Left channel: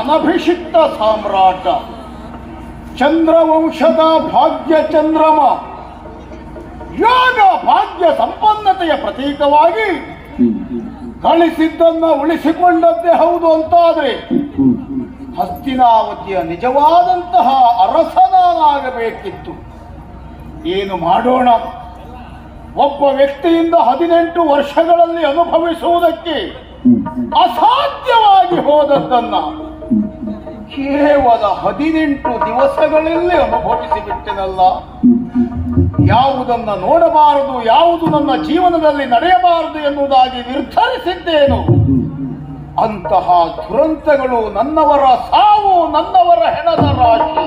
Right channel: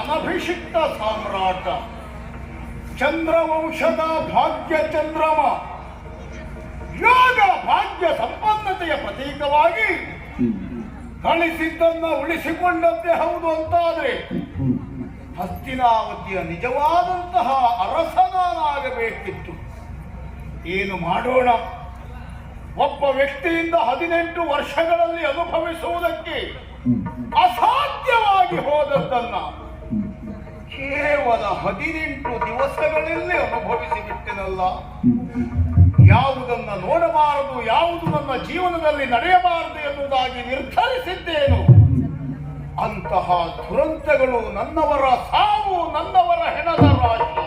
ಅನಭಿಷಿಕ್ತ ಸಾಮ್ರಾಟ ಚಂದ್ರವಂಶದ ಭಾಗ್ಯ ಚಂದ್ರಮ. ಯೋಗ ಭಾಗ್ಯ ಸಂಪನ್ನತೆಯ ಪ್ರತೀಕವಾಗಿ ಗಳಿಸಿದ್ದನ್ನ ಉಳಿಸಿಕೊಂಡದ್ದೇ ಹೌದು ಅಂತಾದ್ರೆ ಹಸ್ತಿನಾವತಿಯ ನಿಜವಾದಂತಹ ಅರಸನಾಗಬೇಕಿತ್ತು. ಏನು ಮಾಡೋಣ? ಒಬ್ಬ ವ್ಯಕ್ತಿಯಿಂದ ಹದಿನೆಂಟು ವರ್ಷಗಳಲ್ಲಿ ಅನುಭವಿಸುವುದಕ್ಕೆ ಅಸಾಧ್ಯವಾಗಿ ಹೋದದ್ದನ್ನ ಕೇವಲ ಹದಿನೆಂಟು ದಿವಸಗಳಲ್ಲಿ ಅನುಭವಿಸಿ ಬಿಟ್ಟೆನಲ್ಲ. ಯಾವುದನ್ನ ನೋಡಬಾರದು, ಯಾವುದು ನನ್ನ ಜೀವನದಲ್ಲಿ ನಡೆಯಬಾರದು ಎನ್ನುವುದಾಗಿ ನಿರ್ಧರಿಸಿದ್ದೇನು. ಅಂತಹ ದುರಂತಗಳು ನನ್ನವರ ಸಾವು, ನನ್ನವರ ಹೆಣದ ರಾಶಿ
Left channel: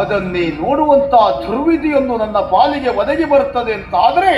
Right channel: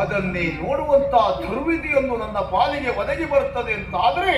ಅದನ್ನೇ ನೋಡುವಂತಹ ದುರ್ವಿಧಿಯನ್ನು ನನ್ನ ಪಾಲಿಗೆ ಒದಗಿ ಬರುತ್ತದೆ ಅಂತಾದ್ರೆ